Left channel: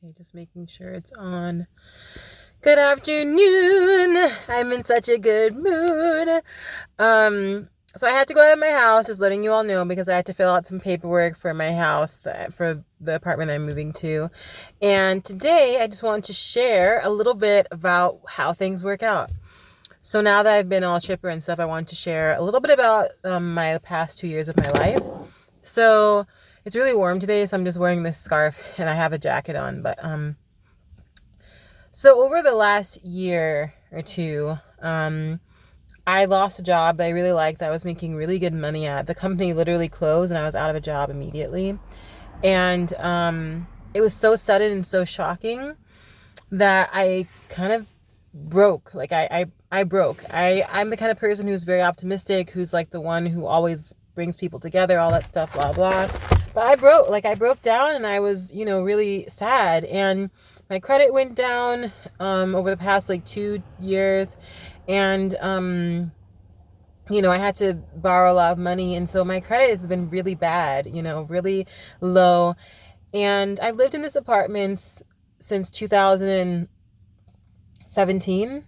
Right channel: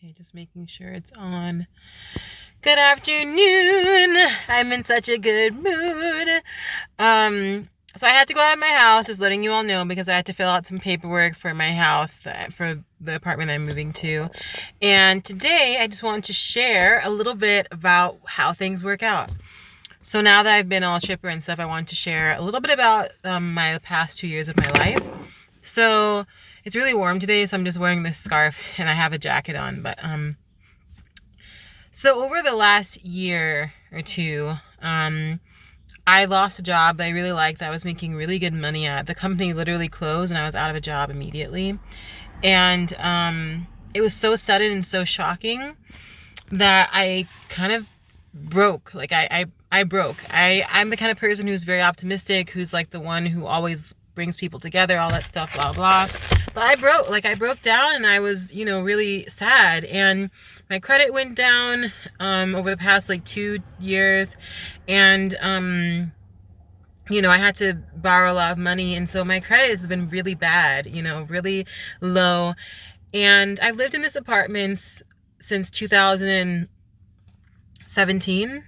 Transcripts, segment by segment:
Okay, just making sure it's on. Good afternoon. I'm in such a good mood. So I had to go out of my house, just letting you all know, because I had to fill out some paperwork for my house, for the apartment I'm moving to. And today I just wanted to share a little bit about how things work out. So now that I've been all chipper and stuff, I wanted to share a little bit about my past 2 years of my life. So it's really warm today, so I'm just wearing this scarf and I have a jacket on. But so over the last year or two, I lost a job that I really liked, that I was making really good money at. The company literally closed and I was out of a job immediately. And it was so sudden and so shocking that I kind of broke. Like I broke. I'm the kind of person who's very optimistic, who's like the one who always brings people together, all that stuff, blah blah. But I broke down and I was, really sad. And my credit went down over the past like 2 years. And I had to borrow a lot of money, and so my credit has been really bad, really low. And I've lived in this apartment since 2017,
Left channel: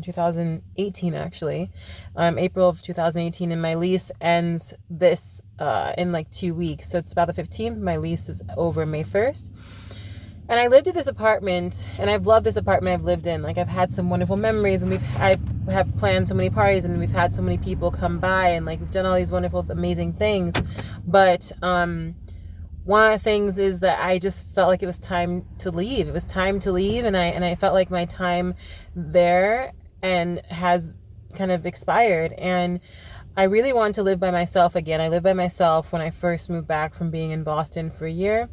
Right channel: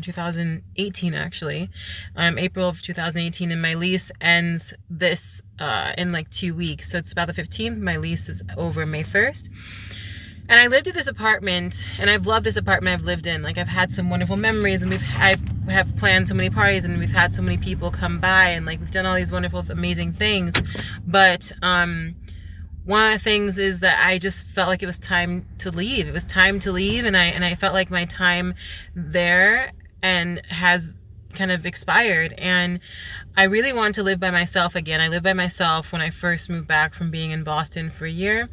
2018 actually, April of 2018, and my lease ends this in like 2 weeks. So it's about the 15th. My lease is over May 1st. And I lived in this apartment, and I've loved this apartment I've lived in. Like, I've had some wonderful memories, and I have planned so many parties, and we've had so many people come by, and like we've done all these wonderful, amazing things. But one of the things is that I just felt like it was time to leave. It was time to leave, and I felt like my time there and has kind of expired. And I really wanted to live by myself again. I lived by myself when I first moved back from being in Boston for a year.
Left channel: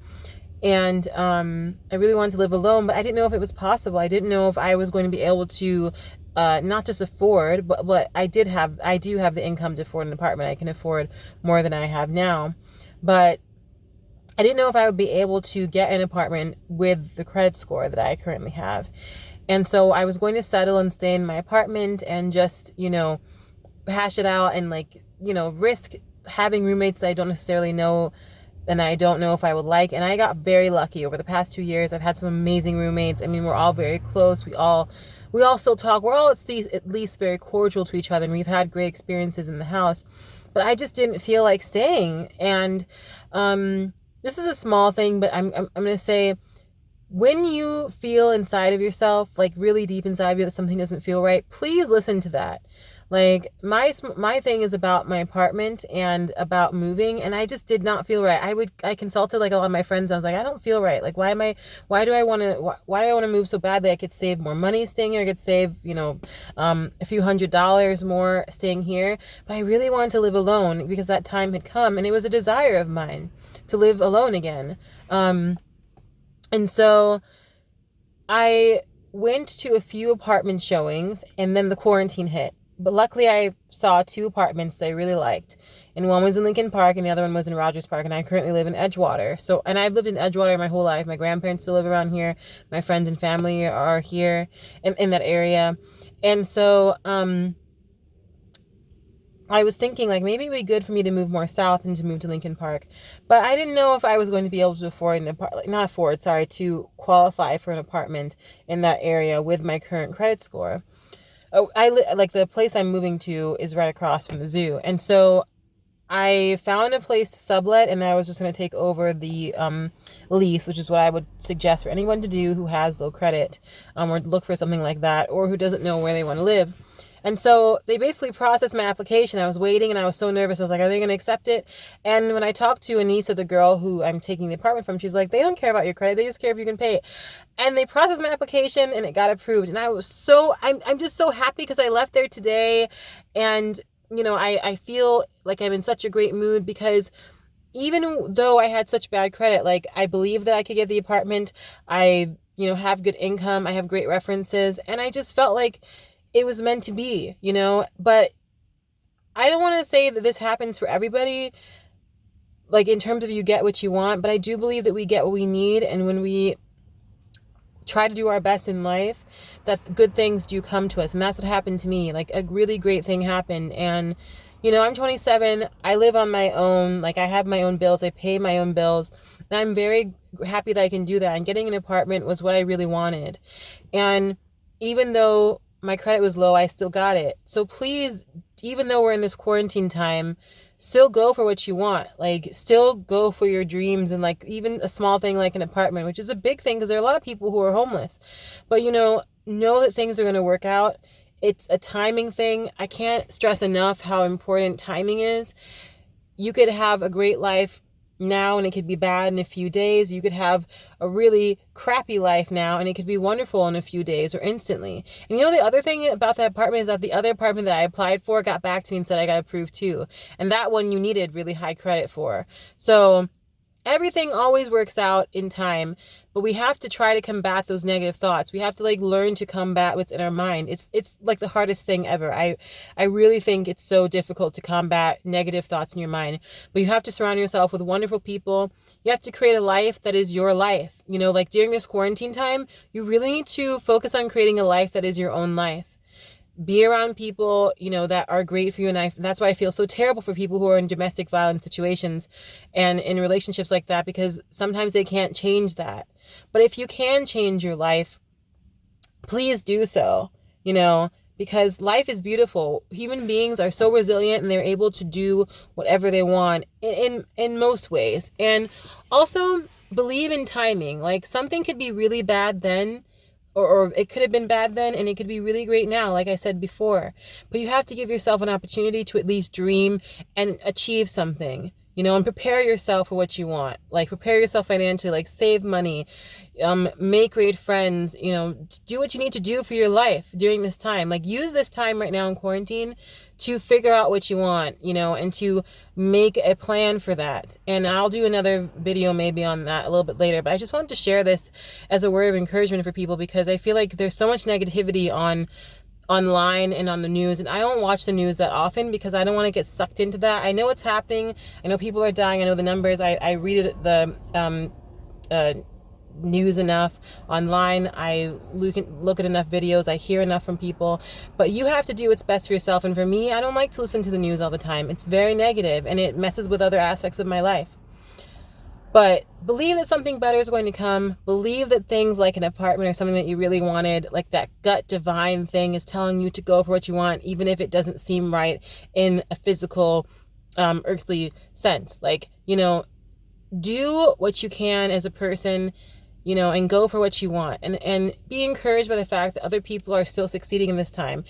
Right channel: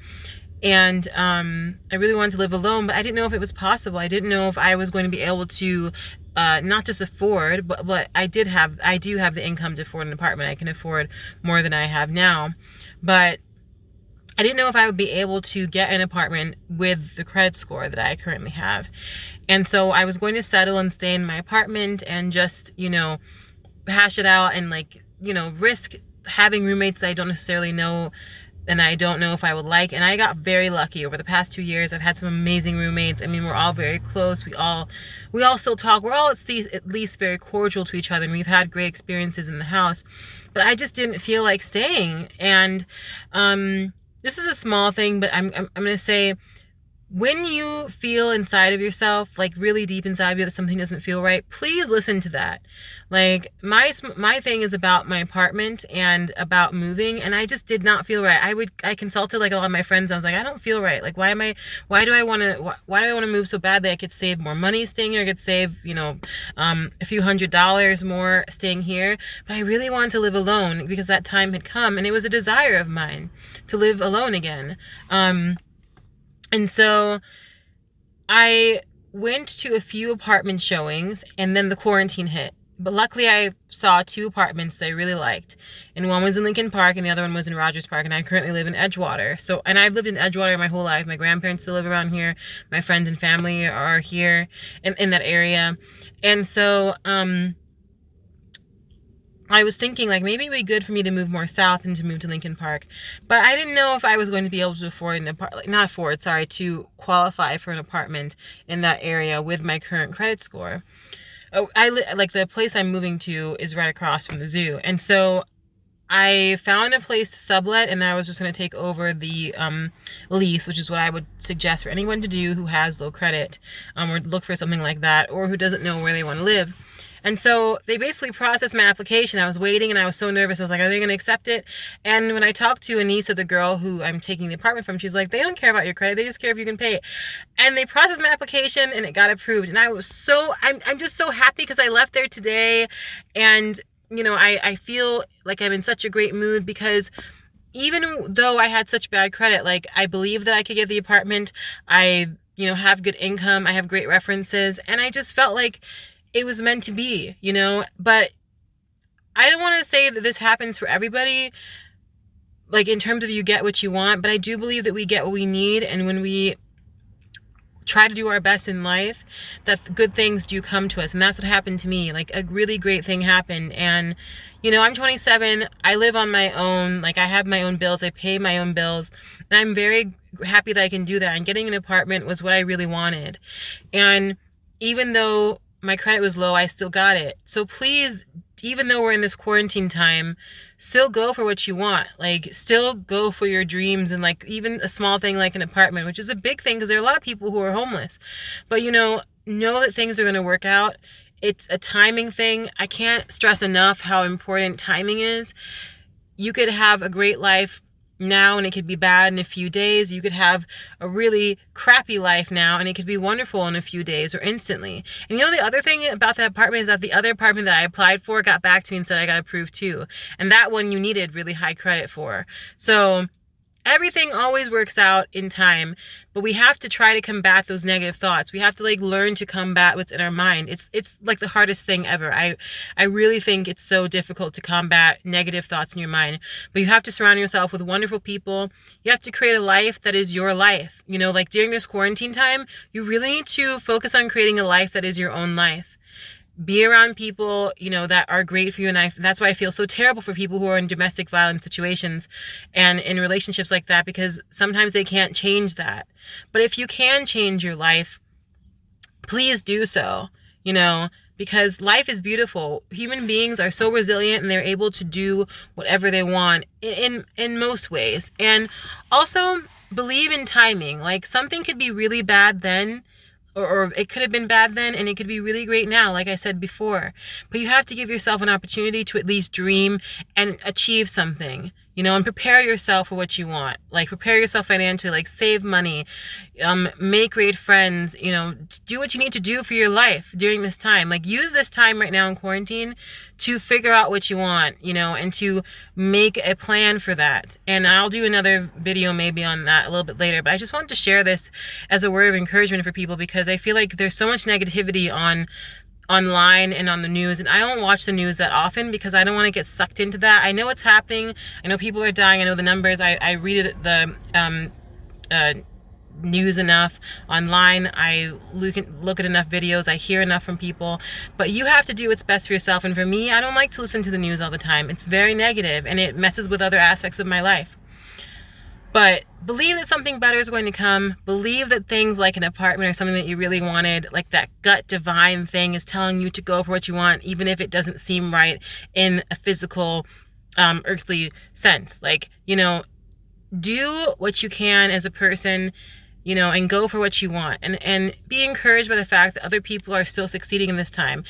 And I really wanted to live alone, but I didn't know if it was possible. I didn't know if I was going to be able to not just afford, but I do have the income to afford an apartment. I can afford more than I have now. But I didn't know if I would be able to get an apartment with the credit score that I currently have. And so I was going to settle and stay in my apartment and just, hash it out and risk having roommates that I don't necessarily know and I don't know if I would like. And I got very lucky over the past 2 years. I've had some amazing roommates. I mean, we're all very close. We all still talk. We're all at least very cordial to each other, and we've had great experiences in the house. But I just didn't feel like staying. And this is a small thing, but I'm gonna say, when you feel inside of yourself, like really deep inside of you, that something doesn't feel right, please listen to that. Like my thing is about my apartment and about moving, and I just did not feel right. I consulted like a lot of my friends. I was like, I don't feel right. Like, why do I want to move so badly? I could save more money staying here. I could save, a few $100s more staying here. But I really wanted to live alone because that time had come, and it was a desire of mine to live alone again. And so I went to a few apartment showings, and then the quarantine hit. But luckily I saw two apartments that I really liked. And one was in Lincoln Park and the other one was in Rogers Park. And I currently live in Edgewater. And I've lived in Edgewater my whole life. My grandparents still live around here. My friends and family are here in that area. And so, I was thinking like maybe it would be good for me to move more south and to move to Lincoln Park. But I didn't know if I was going to be able to afford to qualify for an apartment in that area with my current credit score. Oh, like the place I'm moving to is right across from the zoo. And so I found a place to sublet, and I was just going to take over the lease, which is what I would suggest for anyone to do who has low credit, or look for something like that, or who doesn't know where they want to live. And so they basically processed my application. I was waiting and I was so nervous. I was like, are they going to accept it? And when I talked to Anissa, the girl who I'm taking the apartment from, she's like, they don't care about your credit. They just care if you can pay it. And they processed my application and it got approved. And I'm just so happy because I left there today. And, I feel like I'm in such a great mood because even though I had such bad credit, like I believe that I could get the apartment. I, have good income. I have great references. And I just felt like it was meant to be, but I don't want to say that this happens for everybody, like in terms of you get what you want, but I do believe that we get what we need. And when we try to do our best in life, that good things do come to us. And that's what happened to me. Like a really great thing happened. And, You know, I'm 27. I live on my own. Like, I have my own bills. I pay my own bills. And I'm very happy that I can do that. And getting an apartment was what I really wanted. And even though my credit was low, I still got it. So please, even though we're in this quarantine time, still go for what you want. Like, still go for your dreams, and like even a small thing like an apartment, which is a big thing because there are a lot of people who are homeless. But know that things are going to work out. It's a timing thing. I can't stress enough how important timing is. You could have a great life now and it could be bad in a few days. You could have a really crappy life now and it could be wonderful in a few days or instantly. And the other thing about that apartment is that the other apartment that I applied for got back to me and said I got approved too. And that one you needed really high credit for. So everything always works out in time, but we have to try to combat those negative thoughts. We have to like learn to combat what's in our mind. It's like the hardest thing ever. I really think it's so difficult to combat negative thoughts in your mind, but you have to surround yourself with wonderful people. You have to create a life that is your life. Like during this quarantine time, you really need to focus on creating a life that is your own life. Be around people, that are great for you. And that's why I feel so terrible for people who are in domestic violence situations and in relationships like that, because sometimes they can't change that. But if you can change your life, please do so, because life is beautiful. Human beings are so resilient and they're able to do whatever they want in most ways. And also believe in timing. Like, something could be really bad then, or it could have been bad then and it could be really great now, like I said before. But you have to give yourself an opportunity to at least dream and achieve something, and prepare yourself for what you want. Like, prepare yourself financially, like save money, make great friends, do what you need to do for your life during this time. Like, use this time right now in quarantine to figure out what you want, and to make a plan for that. And I'll do another video maybe on that a little bit later, but I just wanted to share this as a word of encouragement for people, because I feel like there's so much negativity online and on the news, and I don't watch the news that often because I don't want to get sucked into that. I know what's happening. I know people are dying. I know the numbers. I read the news enough online. I look at enough videos. I hear enough from people. But you have to do what's best for yourself. And for me, I don't like to listen to the news all the time. It's very negative and it messes with other aspects of my life. But believe that something better is going to come. Believe that things like an apartment or something that you really wanted, like that gut divine thing, is telling you to go for what you want, even if it doesn't seem right in a physical, earthly sense. Like, do what you can as a person, and go for what you want. And be encouraged by the fact that other people are still succeeding in this time.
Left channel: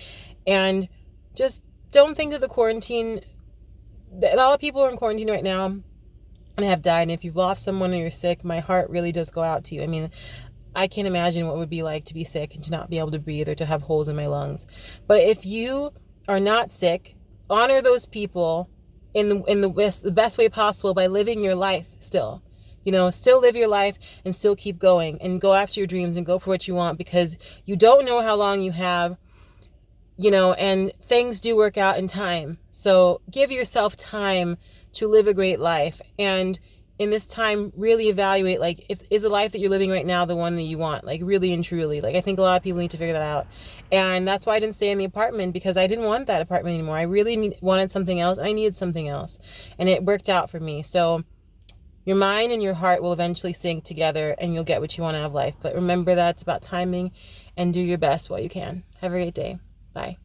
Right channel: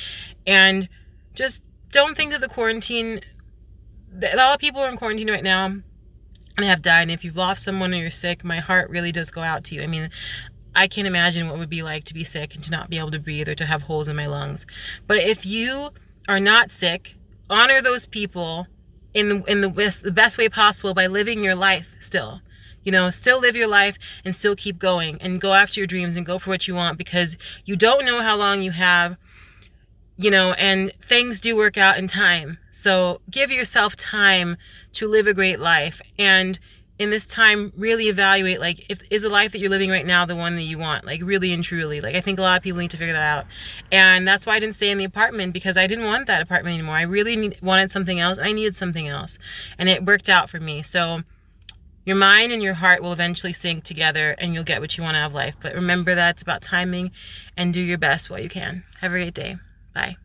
And just don't think that a lot of people are in quarantine right now and have died. And if you've lost someone or you're sick, my heart really does go out to you. I mean, I can't imagine what it would be like to be sick and to not be able to breathe or to have holes in my lungs. But if you are not sick, honor those people in the best way possible by living your life still. Still live your life and still keep going and go after your dreams and go for what you want, because you don't know how long you have, and things do work out in time. So give yourself time to live a great life. And in this time, really evaluate, like, is the life that you're living right now the one that you want? Like, really and truly. Like, I think a lot of people need to figure that out. And that's why I didn't stay in the apartment, because I didn't want that apartment anymore. I really wanted something else. I needed something else. And it worked out for me. So your mind and your heart will eventually sync together and you'll get what you want out of life. But remember that it's about timing, and do your best while you can. Have a great day. Bye.